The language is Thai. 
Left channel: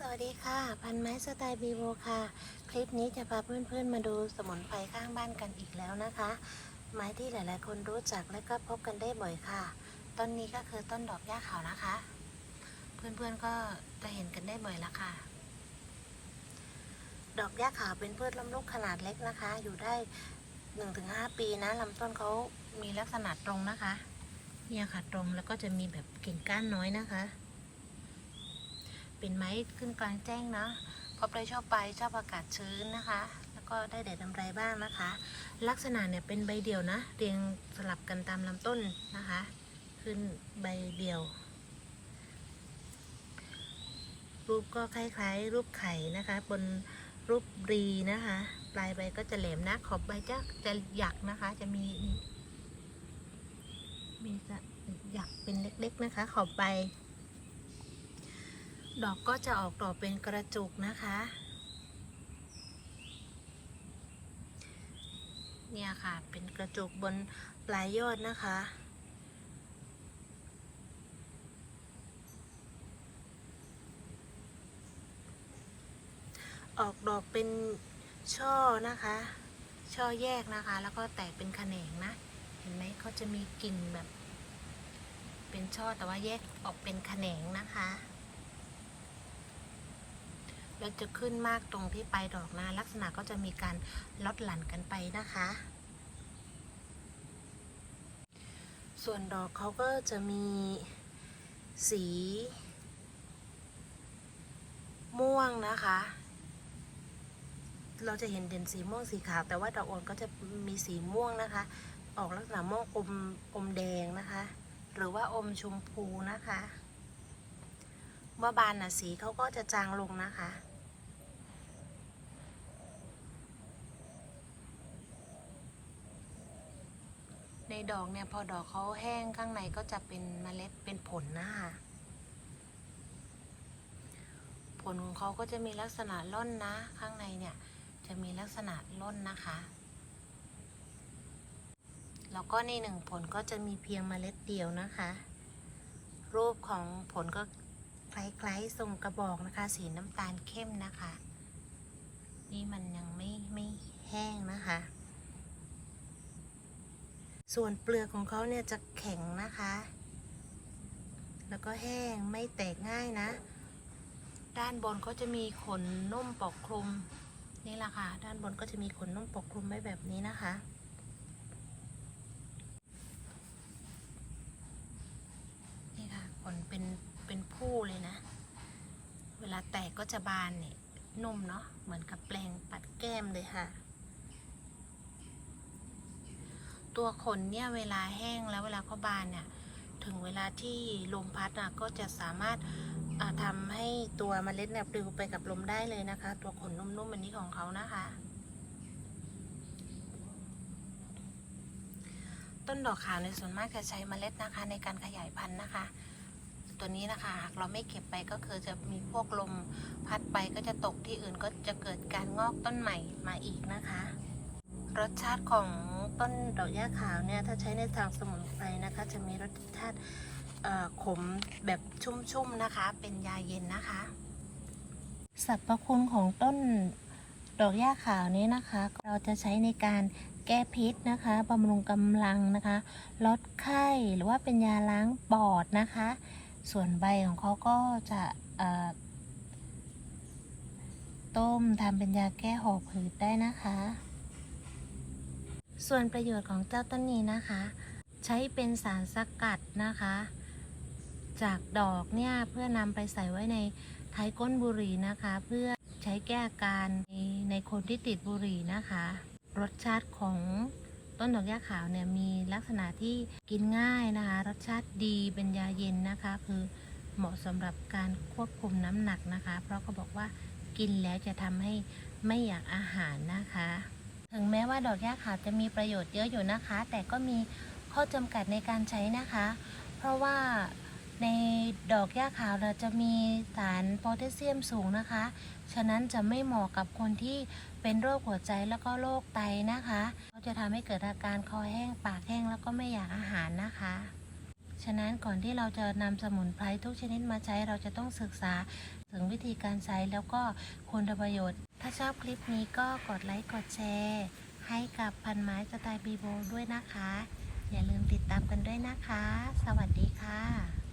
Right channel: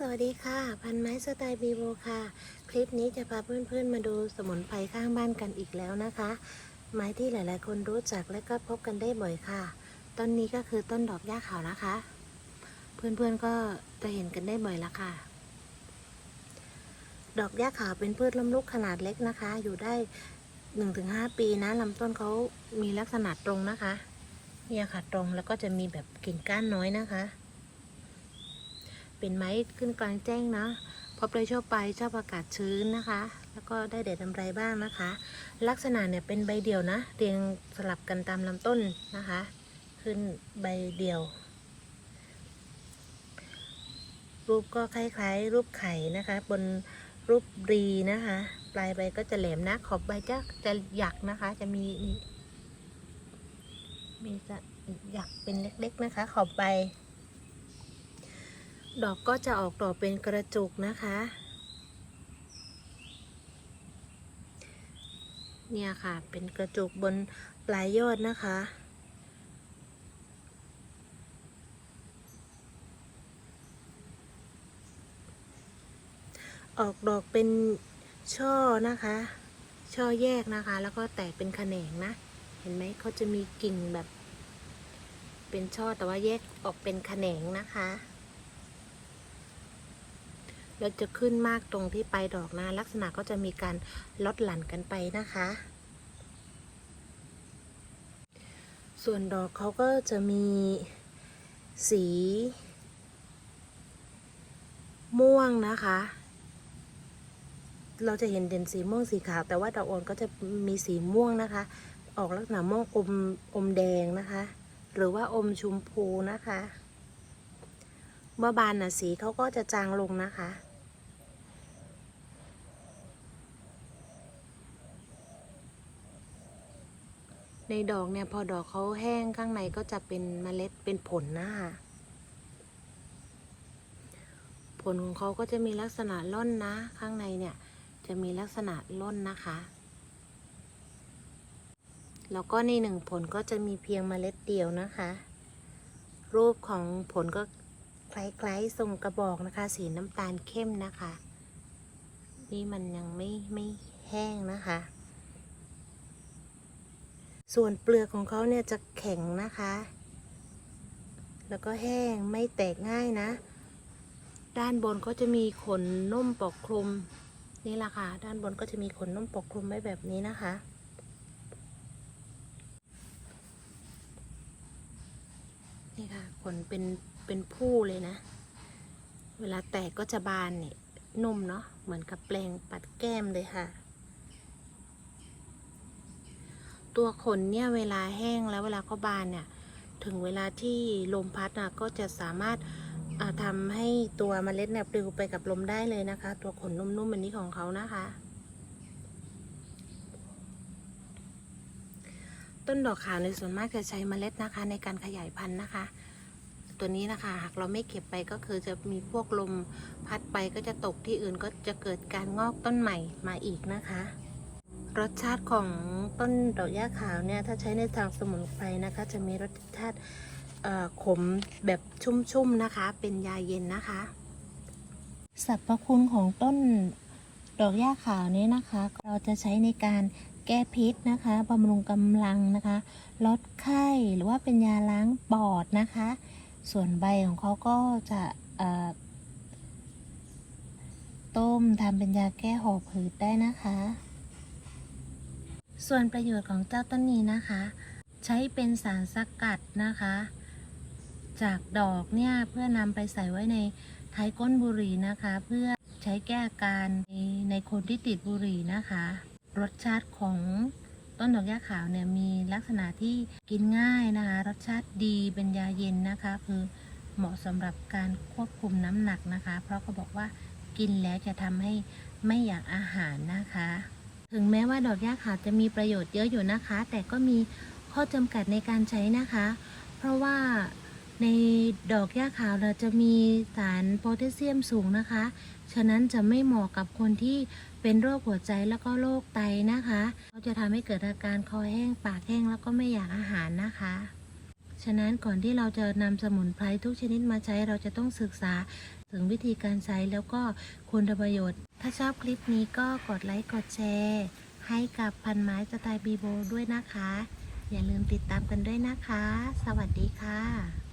สวัสดีค่ะ พันไม้สไตล์บีโบค่ะ คลิปนี้จะพาเพื่อนๆมาดูสมุนไพรข้างบ้านกันอีกแล้วนะคะ ไม้ที่หลายๆ คนรู้จักและก็พบกันได้บ่อยค่ะ ต้นนี้ก็คือต้นดอกหญ้าขาวนะคะ เพื่อนๆก็จะเห็นกันได้บ่อยละค่ะ ดอกหญ้าขาวเป็นพืชล้มลุกขนาดเล็กนะคะ อยู่ได้ 1-5 ปีนะลำต้นเขามีลักษณะตรงนะคะ เนี่ยค่ะตรงแล้วก็จะมีแบบกิ่งก้านน้อยนะคะ เป็นไม้ขึ้นกลางแจ้งนะพบได้ชอบไปชอบอากาศชื้นนะคะ แล้วก็ได้แดดทำไรบ้างนะคะ ลักษณะเนี่ยเป็นใบเดี่ยวนะ เรียงสลับกันตามลำต้นนะคะ ขึ้นใบเดี่ยว รูปก็คล้ายๆ รูปไข่นะคะ บนรูปรีนะคะ ปลายใบก็จะแหลมนะ ขอบใบจะจะหยักนะคะ จะมีมีมีจะหยักเป็นเล็กๆนะคะ ขอบใบ ดอกก็จะออกดอกเป็นกระจุกนะคะ เนี่ยค่ะเป็นกระจุกบนปลายยอดนะคะ ออกดอกเป็นช่อนะคะ ช่อแยกนะคะ แล้วก็แตกเป็นแขนงนะ เห็นไหมเขาจะมีกิ่งแบบ เป็นช่อแต่ว่าแยกออกเป็นแขนงนะคะ แล้วจะขึ้นมากตรงที่ปลายดอกนะ ลักษณะก็จะมีการลดหลั่นกันไปนะคะ ส่วนดอกเขาก็จะมีสี ม่วงนะคะ เราจะเห็นเด่นสีม่วงสีขาว แต่ว่าดอกอ่อนก็จะมีสีม่วงนะคะ ออกลักษณะม่วงอมอมแดงนะคะ หรือว่าอมชมพูนะคะ เมื่อบานน่ะสีเขาก็จะจางลงนะคะ ในดอกเนี่ยพอดอกเขาแห้งข้างในก็จะเป็นเมล็ดเป็นผลนะคะผลของเขาก็จะมีลักษณะล่นนะ ข้างในเนี่ยจะมีลักษณะล่นนะคะ แล้วก็ในหนึ่งผลก็จะมีเพียงเมล็ดเดียวนะคะ รูปของผลก็ คล้ายๆทรงกระบอกนะคะ สีน้ำตาลเข้มนะคะ นี่มันยังไม่ไม่แห้งนะคะ ส่วนเปลือกของเขาเนี่ยจะแข็งนะคะ แล้วก็แห้งไม่แตกง่ายนะ ด้านบนก็จะมีขนนุ่มปกคลุมนี่แหละค่ะ ด้านบนก็จะมีขนนุ่มปกคลุมไว้แบบนี้นะคะ นี่ค่ะขนเป็นเป็นผู้เลยนะ เวลาแตกก็จะบานเนี่ยนุ่มเนาะเหมือนกับแปลงปัดแก้มเลยค่ะ ตัวขนเนี่ยเวลาแห้งแล้วเวลาเขาบานเนี่ย ถึงเวลาที่ลมพัดอะก็จะสามารถทำให้ตัวเมล็ดเนี่ยปลิวไปกับลมได้เลยนะคะ ตัวขนนุ่มๆอันนี้ของเขานะคะ ต้นดอกขาวในส่วนมากจะใช้เมล็ดนะคะในการขยายพันธุ์นะคะ ตัวนี้นะคะหากเราไม่เก็บไปก็คือจะมีพวกลมพัดไปก็จะตกที่อื่นก็จะเกิดการงอกต้นใหม่มาอีกนะคะ รสชาติของต้นดอกหญ้าขาวเนี่ยถ้าใช้ในทางสมุนไพรนะคะ จะมีรสชาติขมแบบชุ่มๆนะคะ เป็นยาเย็นนะคะสรรพคุณของต้นดอกหญ้าขาวนี้นะคะ เราจะใช้ในการแก้พิษนะคะบำรุงกำลังนะคะ ลดไข้หรือว่าเป็นยาล้างปอดนะคะ ส่วนใบของเขาก็จะต้มทำเป็นยาแก้หอบหืดได้นะคะ ส่วนประโยชน์ของเจ้าต้นนี้นะคะ ใช้เป็นสารสกัดนะคะ จากดอกเนี่ยเพื่อนำไปใส่ไว้ในท้ายก้นบุหรี่นะคะ เพื่อใช้แก้อาการในในคนที่ติดบุหรี่นะคะ รสชาติของ ต้นดอกหญ้าขาวเนี่ยมีลักษณะที่กินง่ายนะคะ รสชาติดีเป็นยาเย็นนะคะ คือเหมาะสำหรับการควบคุมน้ำหนักนะคะ เพราะเขาบอกว่ากินแล้วจะทำให้ไม่อยากอาหารนะคะ ถึงแม้ว่าดอกหญ้าขาวจะมีประโยชน์เยอะอยู่นะคะ แต่ก็มีข้อจำกัดในการใช้นะคะ เพราะว่าในดอกหญ้าขาวเราจะมีสารโพแทสเซียมสูงนะคะ ฉะนั้นจะไม่เหมาะกับคนที่ เป็นโรคหัวใจแล้วก็โรคไตนะคะเขาจะทำให้เกิดอาการคอแห้งปากแห้งแล้วก็ไม่อยากอาหารนะคะ ฉะนั้นก่อนที่เราจะนำสมุนไพรทุกชนิดมาใช้เราจะต้องศึกษาถึงวิธีการใช้แล้วก็คุณประโยชน์ ถ้าชอบคลิปนี้ก็กดไลค์กดแชร์ ให้กับพันไม้สไตล์บีโบด้วยนะคะ อย่าลืมติดตามกันด้วยนะคะ สวัสดีค่ะ